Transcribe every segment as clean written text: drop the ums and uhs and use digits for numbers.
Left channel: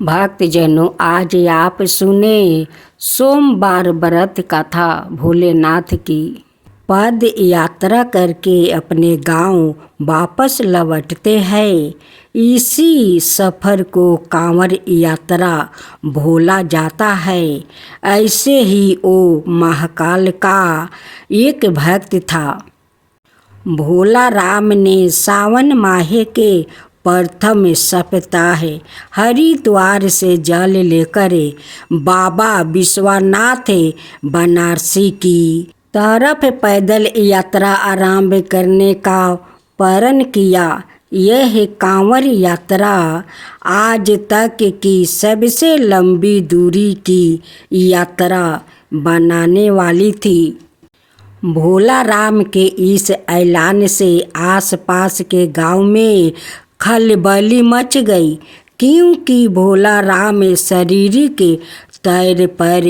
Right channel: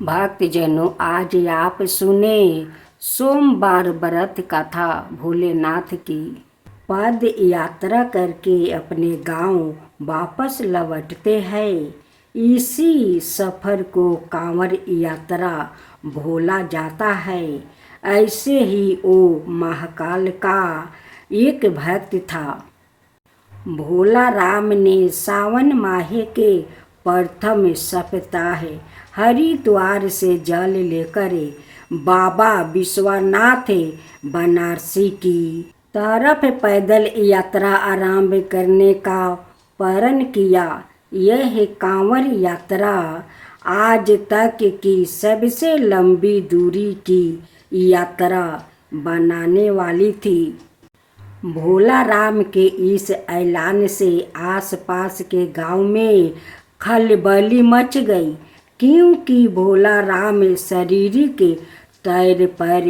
भक्तजनों, आज आप सुने सोमवार व्रत कथा भोलेनाथ की। पद यात्रा करके अपने गांव वापस लौटते हैं। इसी सफ़र को कांवर यात्रा भोला जाता है। ऐसे ही वो महाकाल का एक भक्त था। भोला राम ने सावन माह के प्रथम सप्ताह हरिद्वार से जल लेकर बाबा विश्वनाथ बनारसी की तरफ पैदल यात्रा आरंभ करने का प्रण किया। यह कांवर यात्रा आज तक की सबसे लंबी दूरी की यात्रा बनाने वाली थी। भोला राम के इस ऐलान से आसपास के गांव में खलबली मच गई, क्योंकि भोला राम शारीरिक तौर पर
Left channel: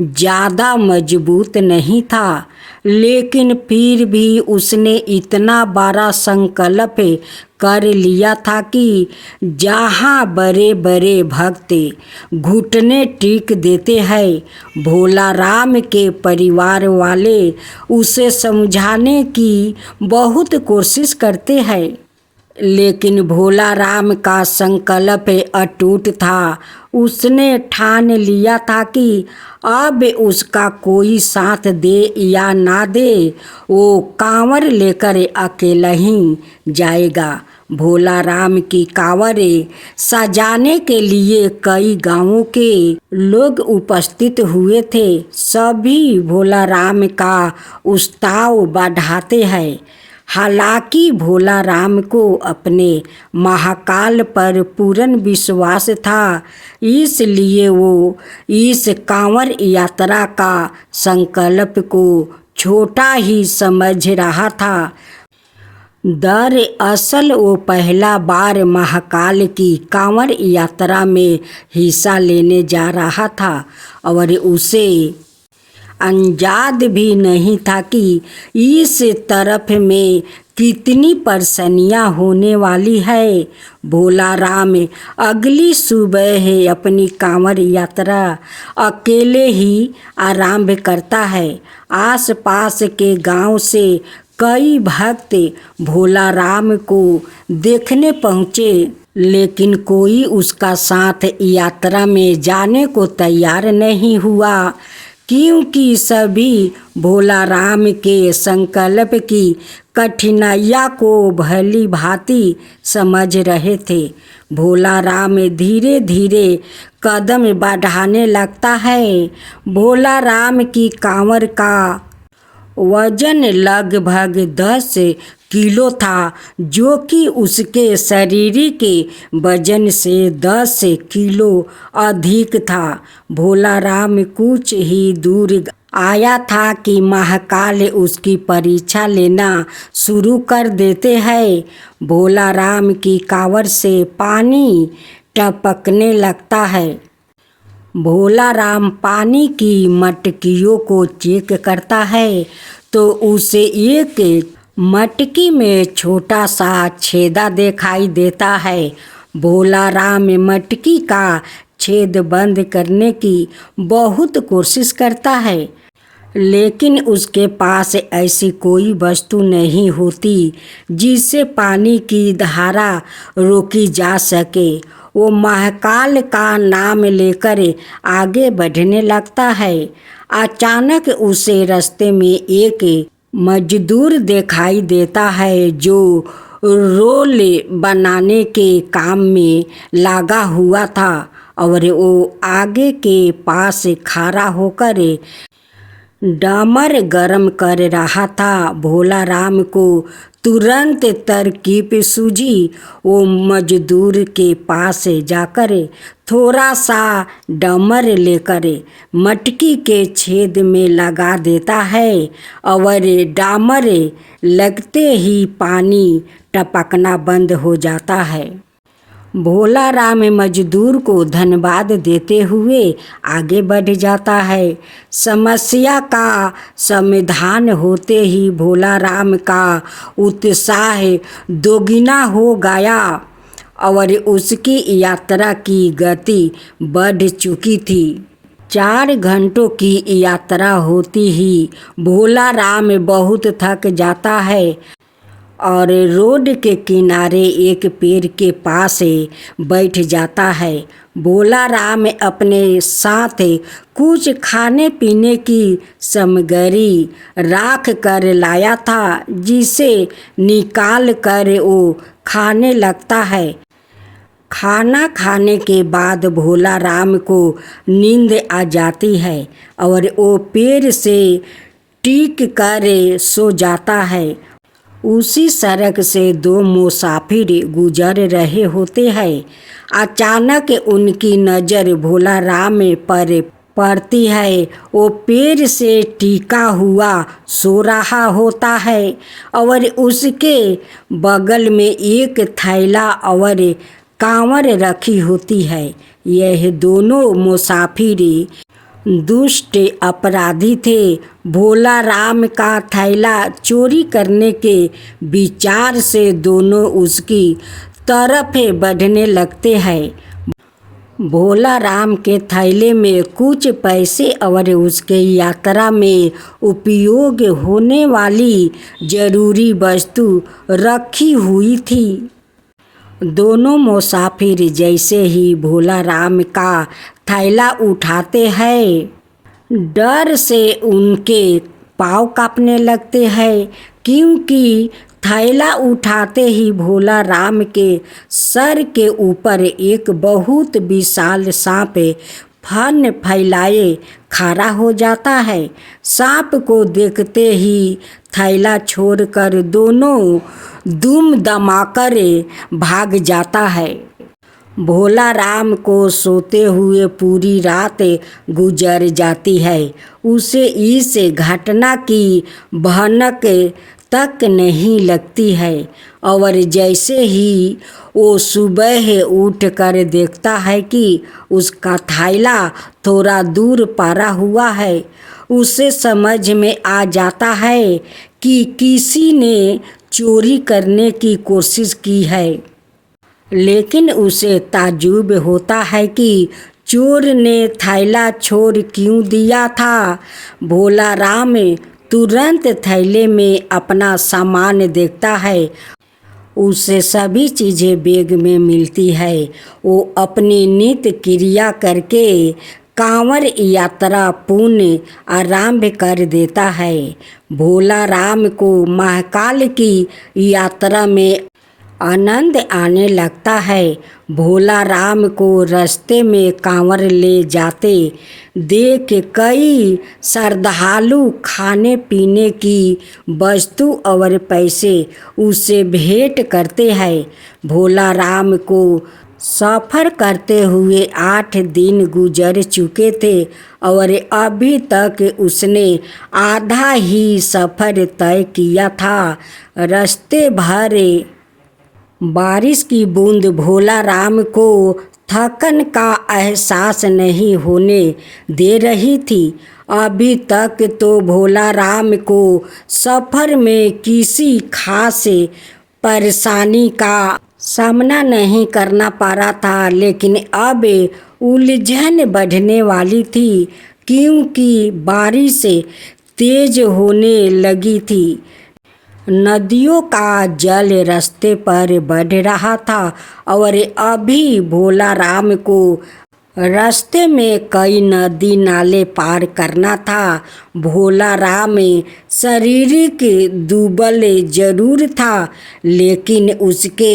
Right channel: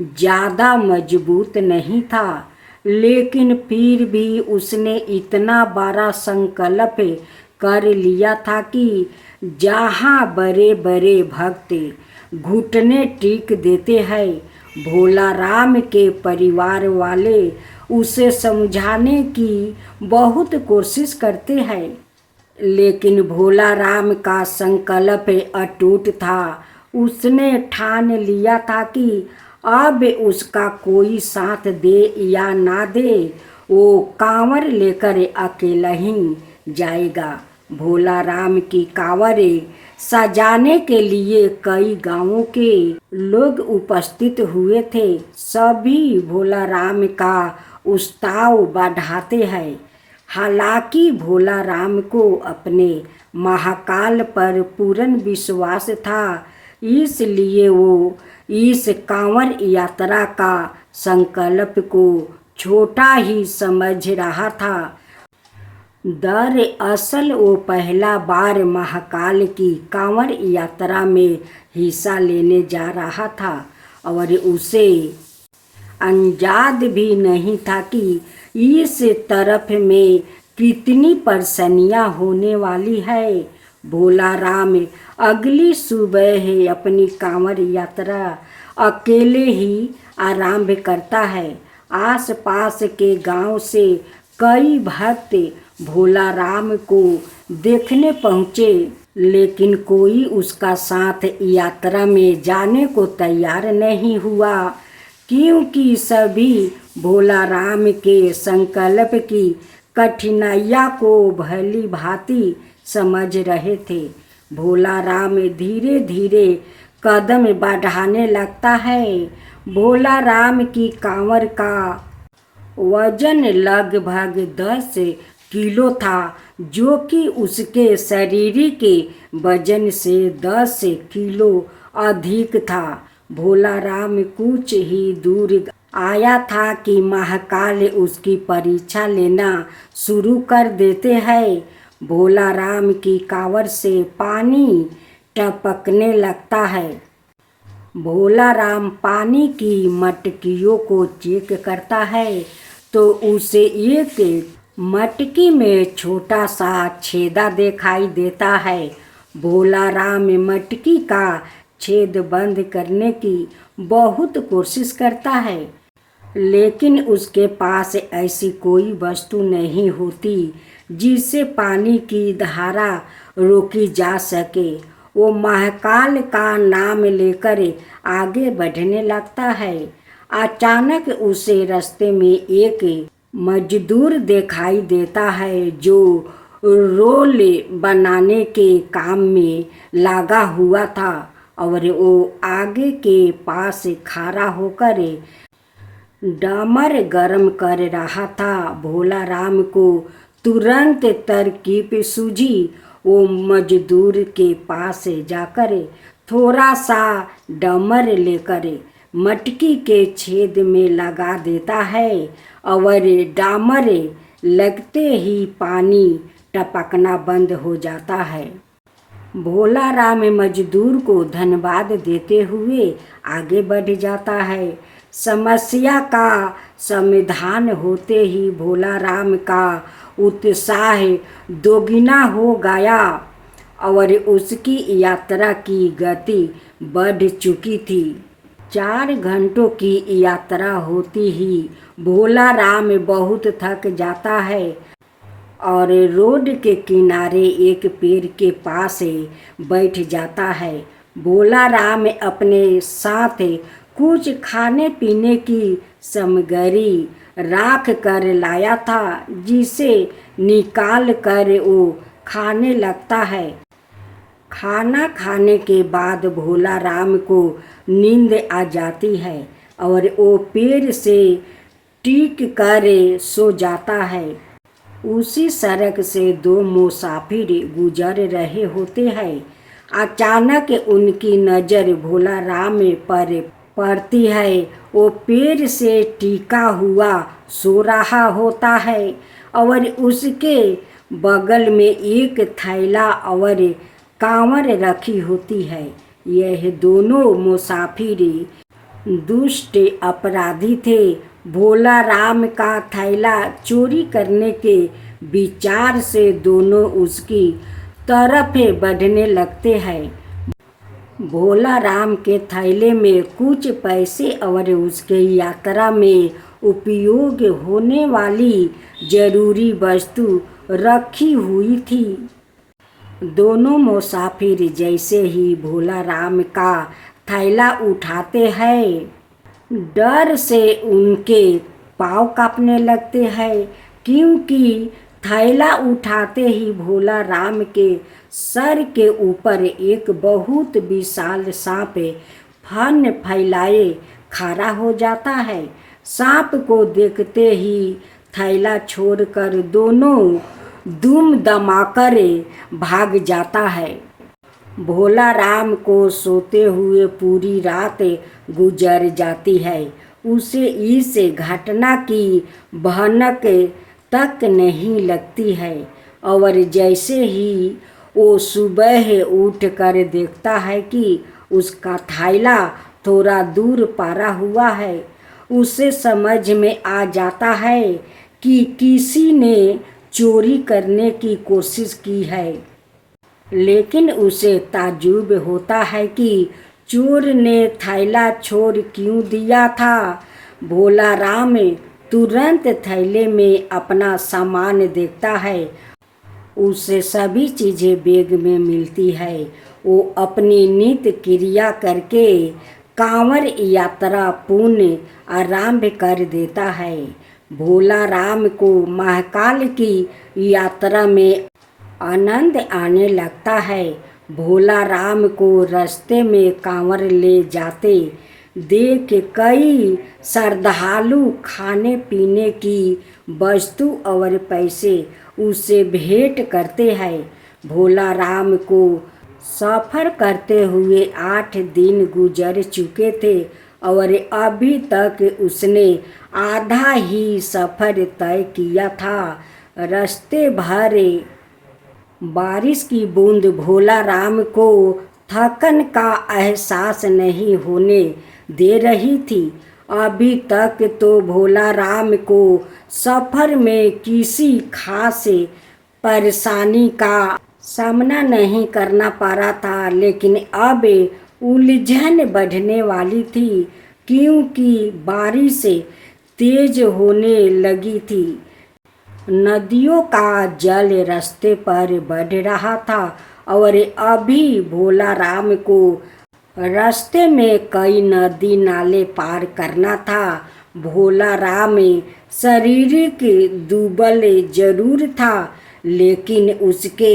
ज़्यादा मजबूत नहीं था, लेकिन फिर भी उसने इतना बड़ा संकल्प कर लिया था कि जहाँ बड़े बड़े भक्त घुटने टेक देते हैं, भोला राम के परिवार वाले उसे समझाने की बहुत कोशिश करते हैं, लेकिन भोला राम का संकल्प अटूट था। उसने ठान लिया था कि अब उसका कोई साथ दे या ना दे, वो कांवर लेकर अकेला ही जाएगा। भोला राम की कांवर सजाने के लिए कई गांवों के लोग उपस्थित हुए थे। सभी भोला राम का उत्साह बढ़ाते हैं। हालांकि भोला राम को अपने महाकाल पर पूर्ण विश्वास था, इसलिए वो इस कांवर यात्रा का संकल्प को छोटा ही समझ रहा था। दरअसल वो पहला बार महाकाल की कांवर यात्रा में हिस्सा लेने जा रहा था और उसे अंदाज़ भी नहीं था कि इस तरफ में कितनी परेशानियां होने वाली है। भोला राम अगली सुबह अपनी कांवर यात्रा अकेले ही आरंभ करता है। आसपास के गांव से कई भक्त भोला राम को देखने पहुँचे, लेकिन कोई उसका साथ यात्रा में जाने को तैयार नहीं हुआ, क्योंकि सभी भोला राम के संकल्प की कठिनाइयों को भली भांति समझ रहे थे। भोला राम धीरे धीरे कदम बढ़ाने लगता है। भोला राम की कांवर का वजन लगभग 10 किलो था, जो कि उसके शरीर के वजन से 10 किलो अधिक था। भोला राम कुछ ही दूर आया था कि महाकाल उसकी परीक्षा लेना शुरू कर देते हैं। भोला राम की कांवर से पानी टपकने लगता है। भोला राम पानी की मटकियों को चेक करता है तो उसे एक मटकी में छोटा सा छेदा दिखाई देता है। भोला राम मटकी का छेद बंद करने की बहुत कोशिश करता है, लेकिन उसके पास ऐसी कोई वस्तु नहीं होती जिससे पानी की धारा रोकी जा सके। वो महाकाल का नाम लेकर आगे बढ़ने लगता है। अचानक उसे रास्ते में एक मजदूर दिखाई देता है, जो रोल बनाने के काम में लगा हुआ था और वो आगे के पास खड़ा होकर डामर गरम कर रहा था। भोला राम को तुरंत तरकीब सूझी। वो मजदूर के पास जाकर थोड़ा सा डामर लेकर मटकी के छेद में लगा देता है और डामर लगते ही पानी टपकना बंद हो जाता है। भोला राम मजदूर को धन्यवाद देते हुए आगे बढ़ जाता है। समस्या का समाधान होते ही भोला राम का उत्साह दोगुना हो गया और उसकी यात्रा की गति बढ़ चुकी थी। 4 घंटों की यात्रा होती ही भोला राम बहुत थक जाता है और रोड के किनारे एक पेड़ के पास बैठ जाता है। भोला राम अपने साथ कुछ खाने पीने की सामग्री राख कर लाया था, जिसे निकाल कर वो खाने लगता है। खाना खाने के बाद भोला राम को नींद आ जाती है और वो पेड़ से टीक कर सो जाता है। उसी सड़क से 2 मुसाफिर गुजर रहे होते हैं। अचानक उनकी नज़र भोला राम पर पड़ती है। वो पेड़ से टीका हुआ सो रहा होता है और उसके बगल में एक थैला और कांवर रखी होती है। यह दोनों मुसाफिर दुष्ट अपराधी थे। भोला राम का थैला चोरी करने के विचार से दोनों उसकी तरफ बढ़ने लगते हैं। भोला राम के थैले में कुछ पैसे और उसके यात्रा में उपयोग होने वाली जरूरी वस्तु रखी हुई थी। दोनों मुसाफिर जैसे ही भोला राम का थैला उठाते हैं, डर से उनके पाँव कांपने लगते हैं, क्योंकि थैला उठाते ही भोला राम के सर के ऊपर एक बहुत विशाल सांप फन फैलाए खड़ा हो जाता है। सांप को देखते ही थैला छोड़कर दोनों दुम दमाकर भाग जाता है। भोला राम को सोते हुए पूरी रात गुजर जाती है। उसे इस घटना की भनक तक नहीं लगती है और जैसे ही वो सुबह उठ कर देखता है कि उसका थैला थोड़ा दूर पड़ा हुआ है, उसे समझ में आ जाता है कि किसी ने चोरी करने की कोशिश की है। लेकिन उसे ताज्जुब होता है कि चोर ने थैला छोड़ क्यों दिया था। भोला राम तुरंत थैले में अपना सामान देखता है। उसे सभी चीज़ें बैग में मिलती है। वो अपनी नित्य क्रिया करके कांवर यात्रा पुण्य आरंभ कर देता है। भोला राम को महाकाल की यात्रा में आनंद आने लगता है। भोला राम को रास्ते में कांवर ले जाते देख कई श्रद्धालु खाने पीने की वस्तु और पैसे उसे भेंट करते हैं। भोला राम को सफ़र करते हुए 8 दिन गुजर चुके थे और अभी तक उसने आधा ही सफ़र तय किया था। रास्ते भर बारिश की बूंद भोला राम को थकन का एहसास नहीं होने दे रही थी। अभी तक तो भोला राम को सफ़र में किसी खास परेशानी का सामना नहीं करना पड़ रहा था, लेकिन अब उलझन बढ़ने वाली थी, क्योंकि बारिश तेज होने लगी थी। नदियों का जल रास्ते पर बढ़ रहा था और अभी भोला राम को रास्ते में कई नदी नाले पार करना था। भोला राम शारीरिक दुबल जरूर था, लेकिन उसके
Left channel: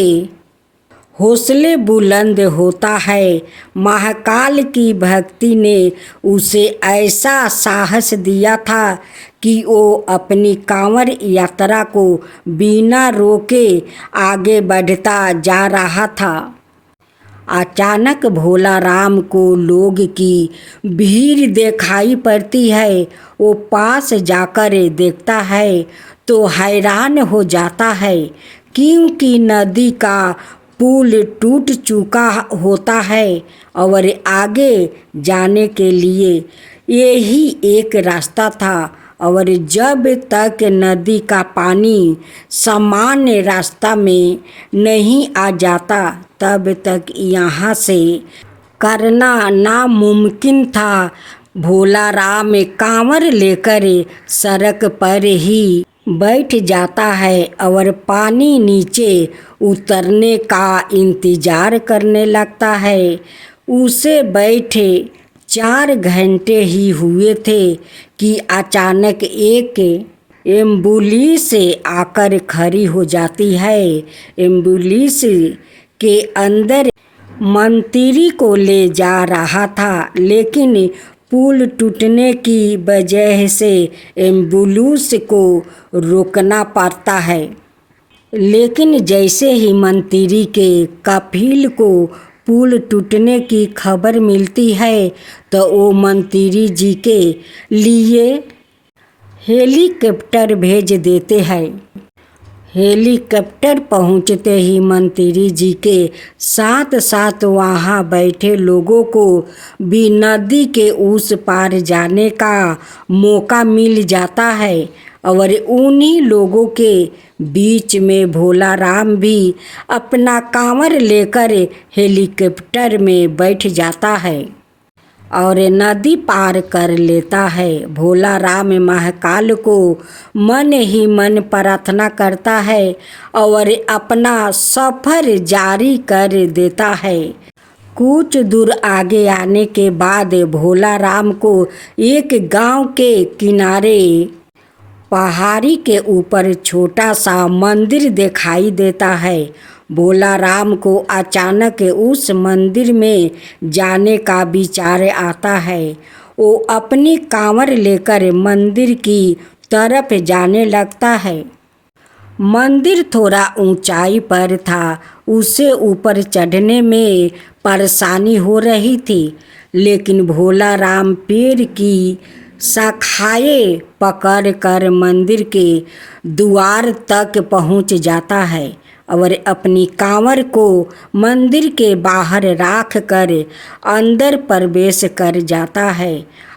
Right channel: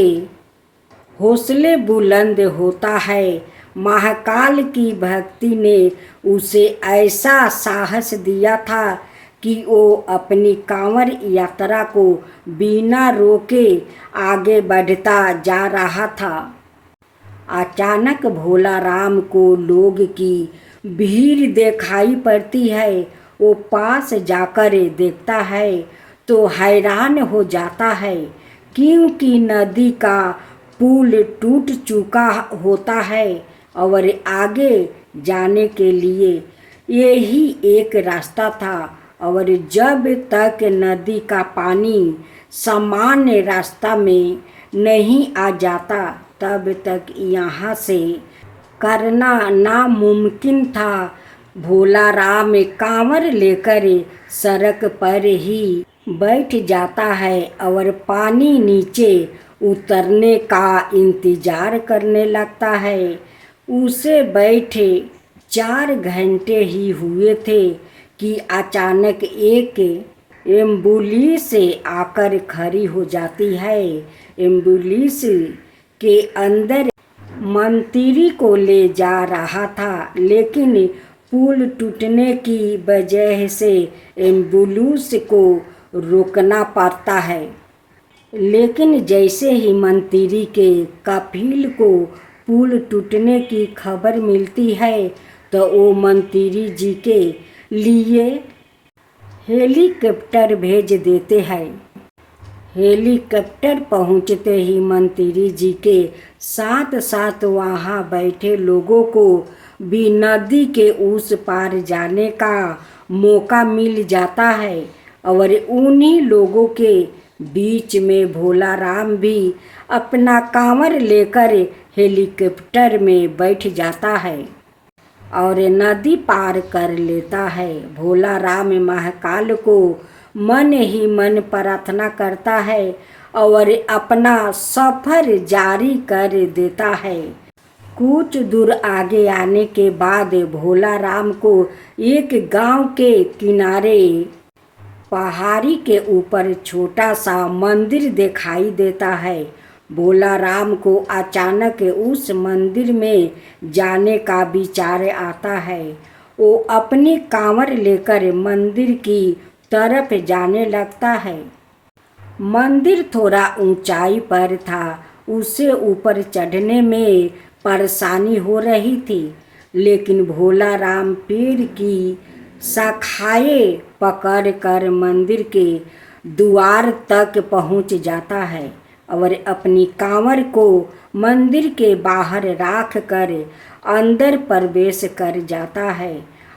हौसले बुलंद होता है। महाकाल की भक्ति ने उसे ऐसा साहस दिया था कि वो अपनी कांवर यात्रा को बिना रोके आगे बढ़ता जा रहा था। अचानक भोला राम को लोग की भीड़ दिखाई पड़ती है। वो पास जाकर देखता है तो हैरान हो जाता है, क्योंकि नदी का पुल टूट चुका होता है और आगे जाने के लिए यही एक रास्ता था और जब तक नदी का पानी सामान्य रास्ता में नहीं आ जाता तब तक यहाँ से करना नामुमकिन था। भोला राम कांवर लेकर सड़क पर ही बैठ जाता है और पानी नीचे उतरने का इंतज़ार करने लगता है। उसे बैठे 4 घंटे ही हुए थे कि अचानक एक एम्बुलेंस आकर खड़ी हो जाती है। एम्बुलेंस के अंदर मंत्री को ले जा रहा था, लेकिन पुल टूटने की वजह से एम्बुलेंस को रोकना पड़ता है। लेकिन जैसे ही मंत्री के कफिल को पुल टूटने की खबर मिलती है तो वो मंत्री जी के लिए हेलीकॉप्टर भेज देते हैं। हेलीकॉप्टर पहुंचते ही मंत्री जी के साथ साथ वहां बैठे लोगों को भी नदी के उस पार जाने का मौका मिल जाता है और उन्हीं लोगों के बीच में भोला राम भी अपना कांवर लेकर हेलीकॉप्टर में बैठ जाता है और नदी पार कर लेता है। भोला राम महाकाल को मन ही मन प्रार्थना करता है और अपना सफ़र जारी कर देता है। कुछ दूर आगे आने के बाद भोला राम को एक गांव के किनारे पहाड़ी के ऊपर छोटा सा मंदिर दिखाई देता है। भोला राम को अचानक उस मंदिर में जाने का विचार आता है। वो अपनी कांवर लेकर मंदिर की तरफ जाने लगता है। मंदिर थोड़ा ऊंचाई पर था, उसे ऊपर चढ़ने में परेशानी हो रही थी, लेकिन भोला राम पेड़ की शाखाएं पकड़कर मंदिर के द्वार तक पहुंच जाता है और अपनी कांवर को मंदिर के बाहर रख कर अंदर प्रवेश कर जाता है।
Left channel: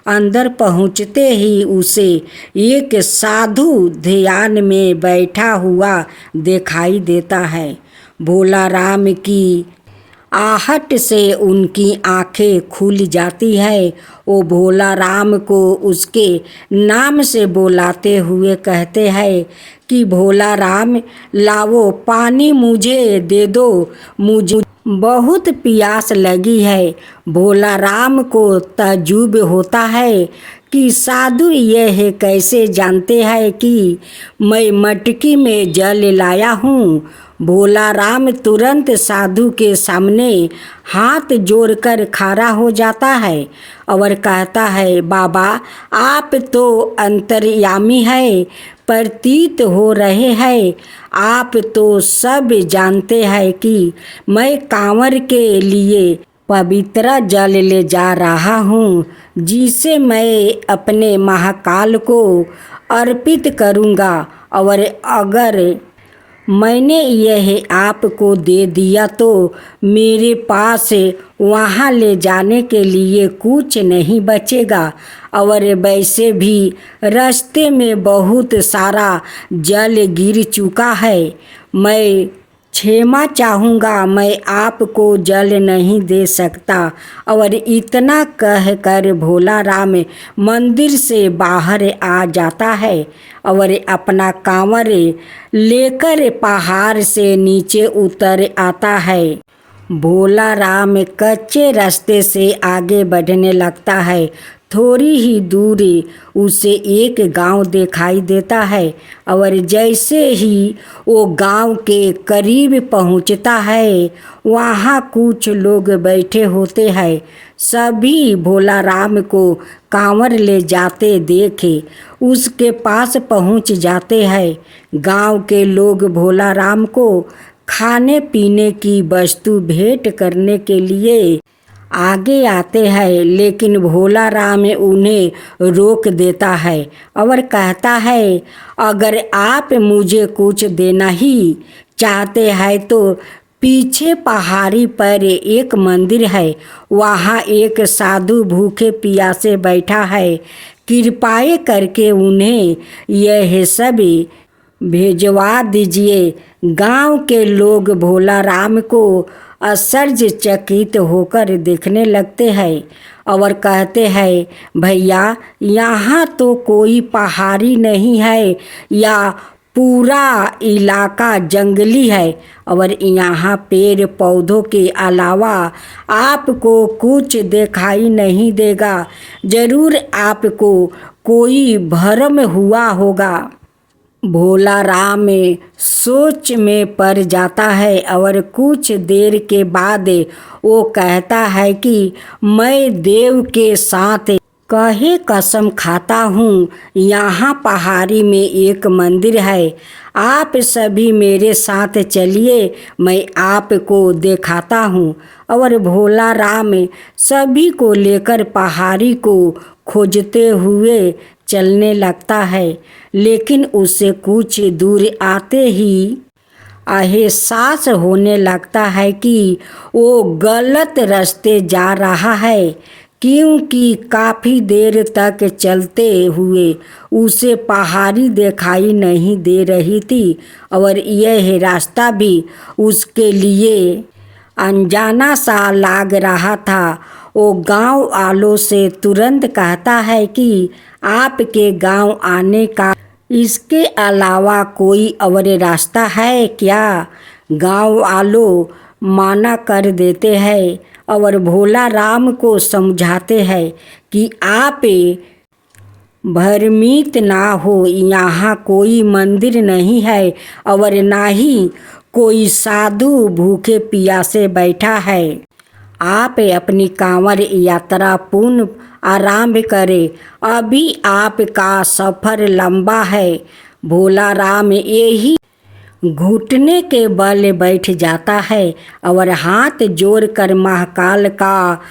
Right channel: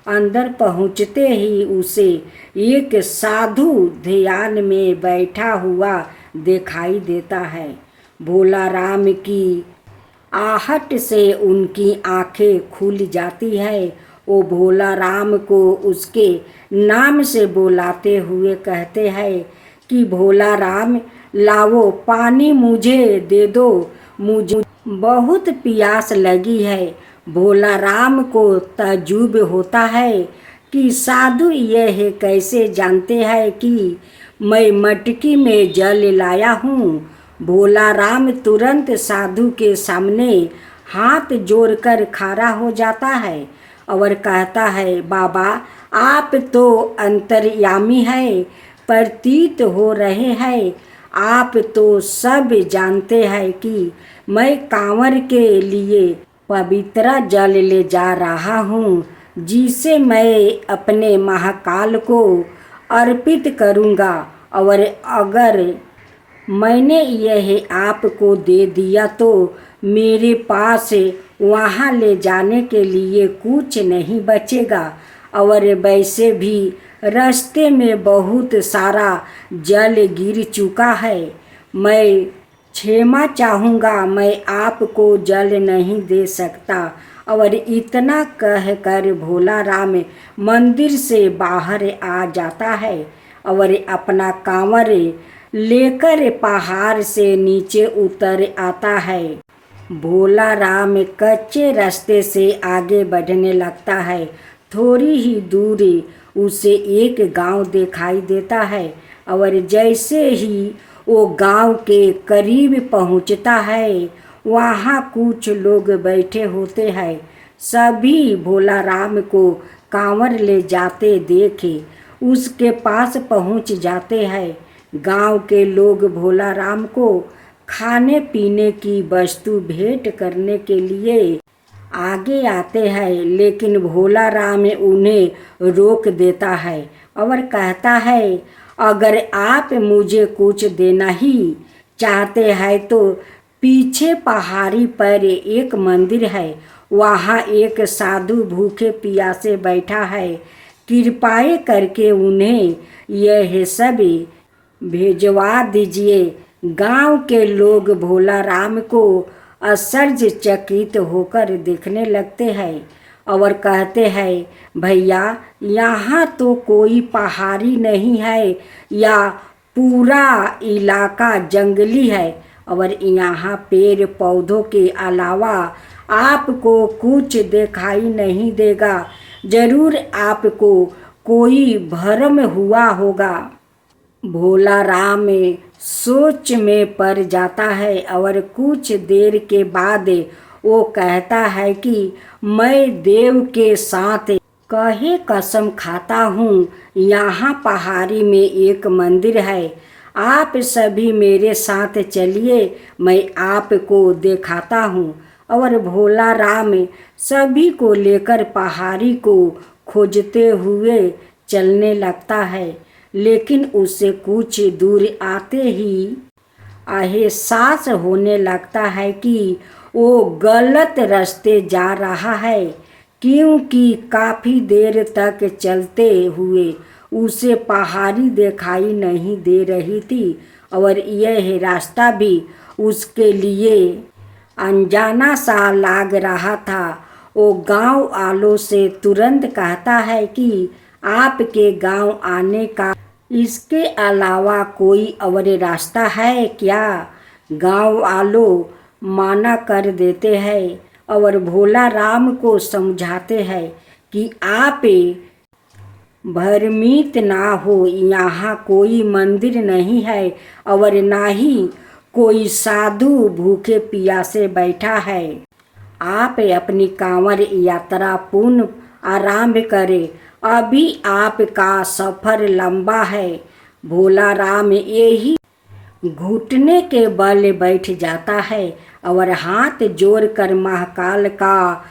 अंदर पहुंचते ही उसे एक साधु ध्यान में बैठा हुआ दिखाई देता है। भोला राम की आहट से उनकी आंखें खुल जाती है। वो भोला राम को उसके नाम से बुलाते हुए कहते हैं कि भोला राम लाओ पानी मुझे दे दो, मुझे बहुत प्यास लगी है। भोला राम को ताज्जुब होता है कि साधु यह कैसे जानते हैं कि मैं मटकी में जल लाया हूँ। भोला राम तुरंत साधु के सामने हाथ जोड़कर खड़ा हो जाता है और कहता है, बाबा आप तो अंतर्यामी है, प्रतीत हो रहे हैं। आप तो सब जानते हैं कि मैं कांवर के लिए पवित्र जल ले जा रहा हूँ, जिसे मैं अपने महाकाल को अर्पित करूँगा, और अगर मैंने यह आपको दे दिया तो मेरे पास वहाँ ले जाने के लिए कुछ नहीं बचेगा। और वैसे भी रास्ते में बहुत सारा जल गिर चुका है। मैं क्षमा चाहूँगा, मैं आपको जल नहीं दे सकता। और इतना कहकर भोला राम मंदिर से बाहर आ जाता है और अपना कांवर लेकर पहाड़ से नीचे उतर आता है। भोला राम कच्चे रास्ते से आगे बढ़ने लगता है। थोड़ी ही दूरी उसे एक गांव दिखाई देता है और जैसे ही वो गांव के करीब पहुंचता है, वहाँ कुछ लोग बैठे होते हैं। सभी भोला राम को कांवर ले जाते देखे उसके पास पहुंच जाते हैं। गांव के लोग भोला राम को खाने पीने की वस्तु भेंट करने के लिए आगे आते हैं, लेकिन भोला राम उन्हें रोक देता है और कहता है, अगर आप मुझे कुछ देना ही चाहते हैं तो पीछे पहाड़ी पर एक मंदिर है, वहाँ एक साधु भूखे प्यासे बैठा है। कृपया करके उन्हें यह सब भेजवा दीजिए। गांव के लोग भोला राम को आश्चर्यचकित होकर देखने लगते हैं और कहते हैं, भैया यहाँ तो कोई पहाड़ी नहीं है या पूरा इलाका जंगली है और यहाँ पेड़ पौधों के अलावा आपको कुछ दिखाई नहीं देगा। जरूर आपको कोई भ्रम हुआ होगा। भोला राम सोच में पड़ जाता है और कुछ देर के बाद वो कहता है कि मैं देव के साथ कहे कसम खाता हूँ, यहाँ पहाड़ी में एक मंदिर है। आप सभी मेरे साथ चलिए, मैं आपको दिखाता हूँ। और भोला राम सभी को लेकर पहाड़ी को खोजते हुए चलने लगता है। लेकिन उससे कुछ दूर आते ही एहसास होने लगता है कि वो गलत रास्ते जा रहा है, क्योंकि काफ़ी देर तक चलते हुए उसे पहाड़ी दिखाई नहीं दे रही थी और यह रास्ता भी उसके लिए अनजाना सा लग रहा था। वो गांव वालों से तुरंत कहता है कि आपके गांव आने का इसके अलावा कोई और रास्ता है क्या? गांव वालों माना कर देते हैं और भोला राम को समझाते हैं कि आप भ्रमित ना हो, यहाँ कोई मंदिर नहीं है और ना ही कोई साधु भूखे प्यासे बैठा है। आप अपनी कांवड़ यात्रा पूर्ण आरंभ करें, अभी आपका सफ़र लंबा है। भोला राम यही घुटने के बल बैठ जाता है और हाथ जोड़कर महाकाल का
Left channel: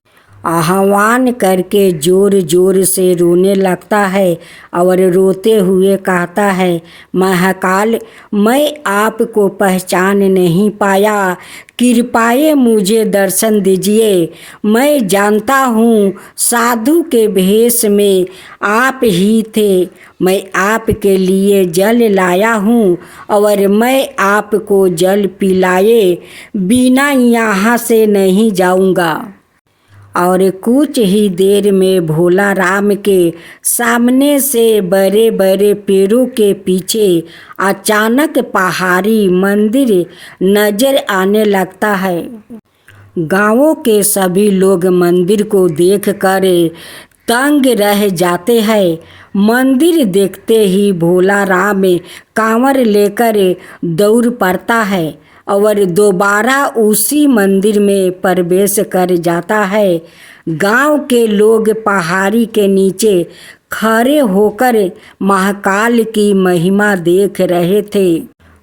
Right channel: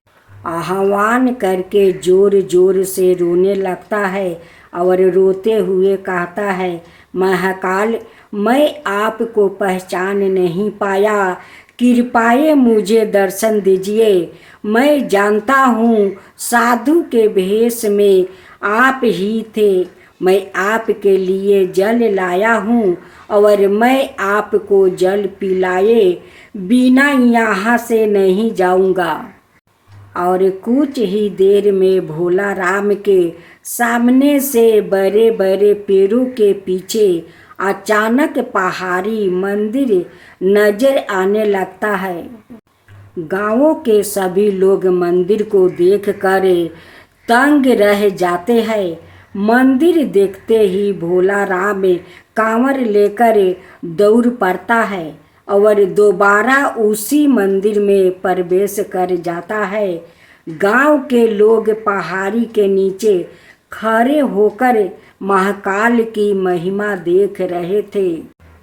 आह्वान करके जोर जोर से रोने लगता है और रोते हुए कहता है, महाकाल, मैं आपको पहचान नहीं पाया, कृपया मुझे दर्शन दीजिए। मैं जानता हूँ साधु के भेष में आप ही थे। मैं आपके लिए जल लाया हूँ और मैं आपको जल पिलाए बिना यहाँ से नहीं जाऊँगा। और कुछ ही देर में भोला राम के सामने से बड़े बड़े पेड़ों के पीछे अचानक पहाड़ी मंदिर नजर आने लगता है। गांवों के सभी लोग मंदिर को देखकर तंग रह जाते हैं। मंदिर देखते ही भोला राम कांवर लेकर दौड़ पड़ता है और दोबारा उसी मंदिर में प्रवेश कर जाता है। गांव के लोग पहाड़ी के नीचे खड़े होकर महाकाल की महिमा देख रहे थे।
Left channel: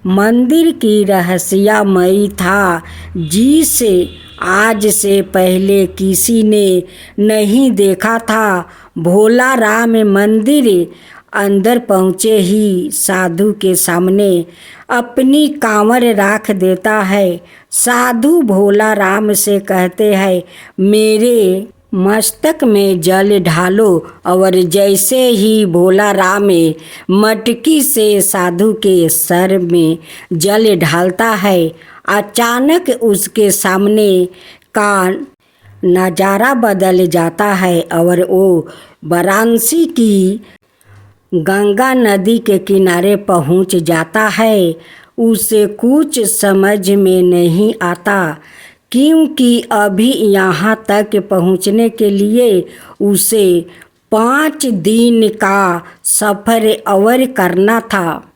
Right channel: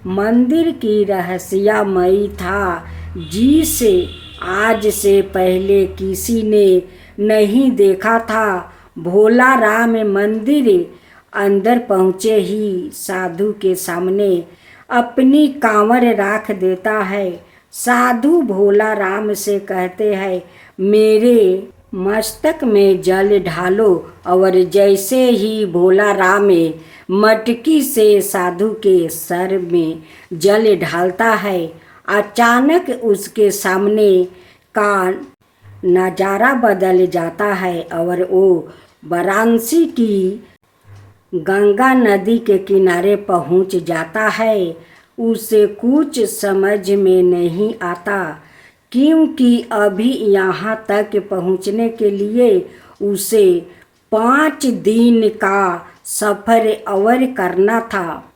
मंदिर की रहस्यमयी था, जिसे आज से पहले किसी ने नहीं देखा था। भोला राम मंदिर अंदर पहुँचे ही साधु के सामने अपनी कांवर रख देता है। साधु भोला राम से कहते हैं, मेरे मस्तक में जल ढालो। और जैसे ही भोला राम मटकी से साधु के सर में जल ढालता है, अचानक उसके सामने का नज़ारा बदल जाता है और वो वाराणसी की गंगा नदी के किनारे पहुंच जाता है। उसे कुछ समझ में नहीं आता, क्योंकि अभी यहाँ तक पहुँचने के लिए उसे 5 दिन का सफ़र और करना था।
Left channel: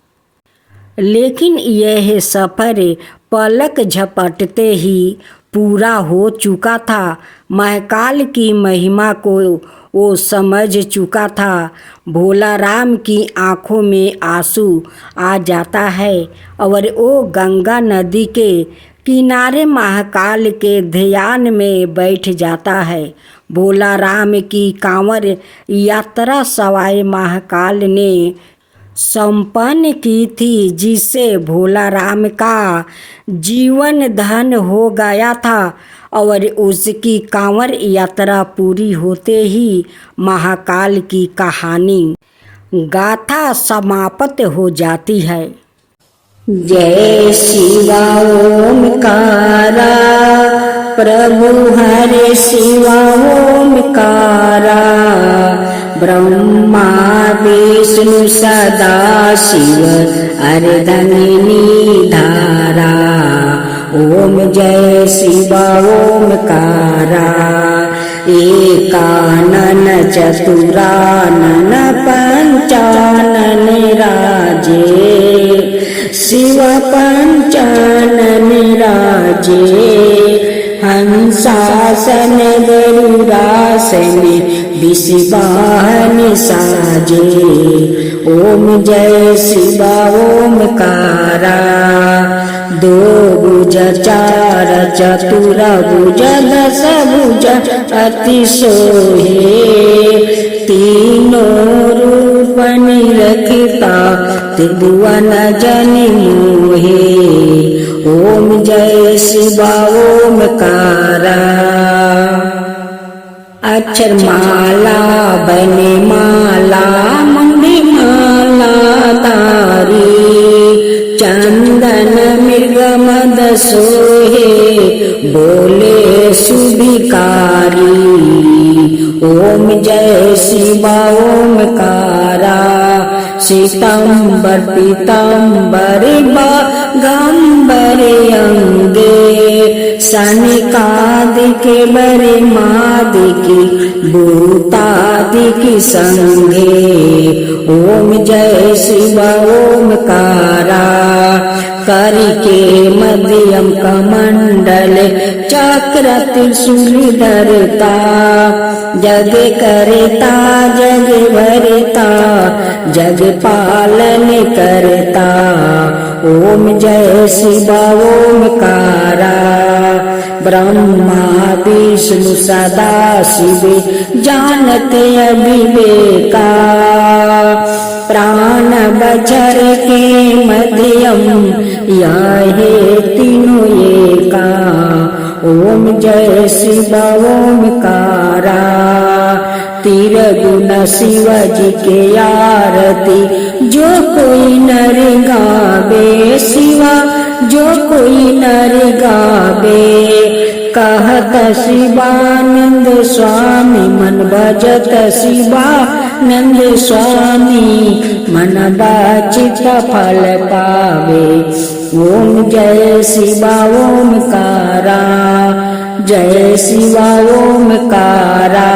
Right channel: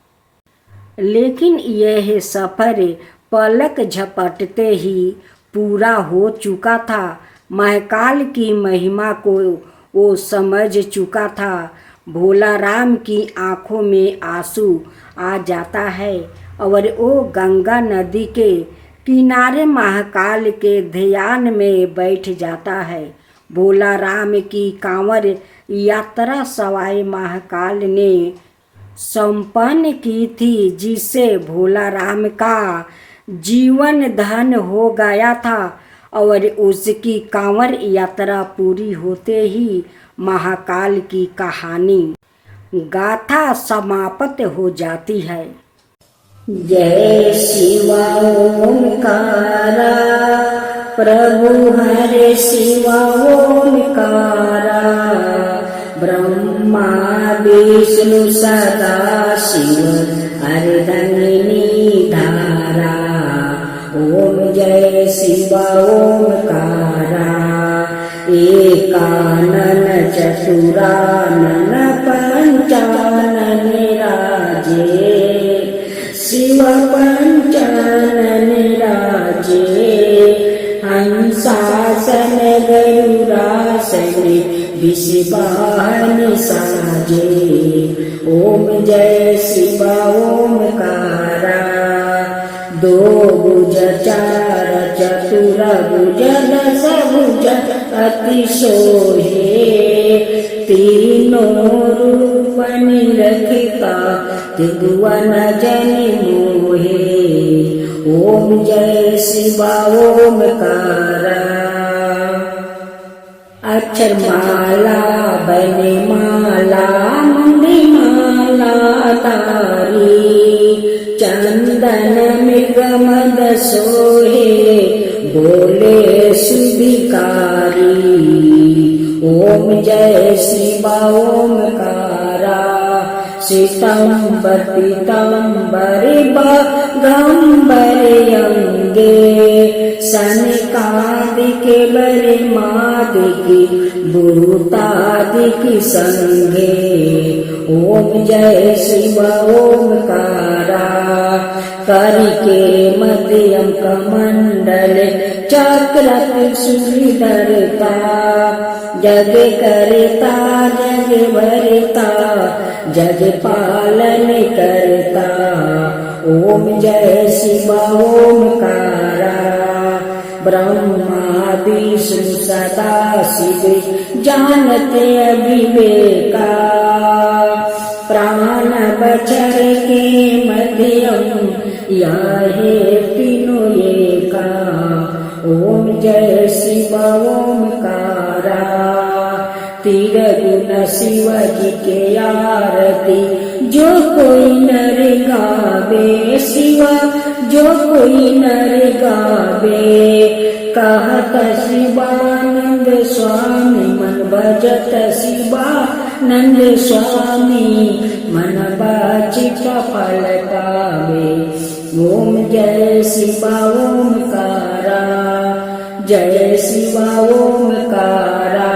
लेकिन यह सफ़र पलक झपटते ही पूरा हो चुका था। महाकाल की महिमा को वो समझ चुका था। भोला राम की आँखों में आंसू आ जाता है और वो गंगा नदी के किनारे महाकाल के ध्यान में बैठ जाता है। भोला राम की कांवर यात्रा सवाई महाकाल ने संपन्न की थी, जिससे भोला राम का जीवन धन हो गया था और उसकी कांवर यात्रा पूरी होते ही महाकाल की कहानी गाथा समाप्त हो जाती है। जय शिवा ओमकारा प्रभु हरे शिवा ओमकारा ब्रह्मा विष्णु सदा शिव अर्धंगिनी धारा। ओम जय शिवा ओमकारा एकानन चतुरानन पंचानन राजे शिव पंचानन राजे हंसासन गरुड़ासन विषवाहन साजे। ओम जय शिवा ओमकारा दो भुज चार चतुर भुज दस भुज अति सोहे तीनों रूप निरखता त्रिभुवन जनि मोहे। ओम जय शिवा ओमकारा अक्षर माला बने माला मंगी माला तारी चंदन मृग मद सोहे बोले सुभिकारी। ओम जय शिवा ओमकारा श्वेतांबर पीतांबर गंबर अंगे सनिकादिके बरे मादिकी भूतादिकी संगे। ओम जय शिवा ओमकारा करिके मध्यम कमंडल चक्र त्रिशूल धरता जग करता जग भरता जग पालन करता। ओम जय शिवा ओमकारा ब्रह्मा विष्णु सदा शिव जानते अविवेका प्राण बचर के मध्यम याहे तीनों एका। ओम जय शिवा ओमकारा तीर गुण शिव जी के आरती जो कोई नर गावे शिवा जो कोई नर गावे। कहत शिवानंद स्वामी मन भजत शिवानंद स्वामी मन बाचित फल पावे। ओम जय शिवा ओमकारा जय शिवा ओमकारा।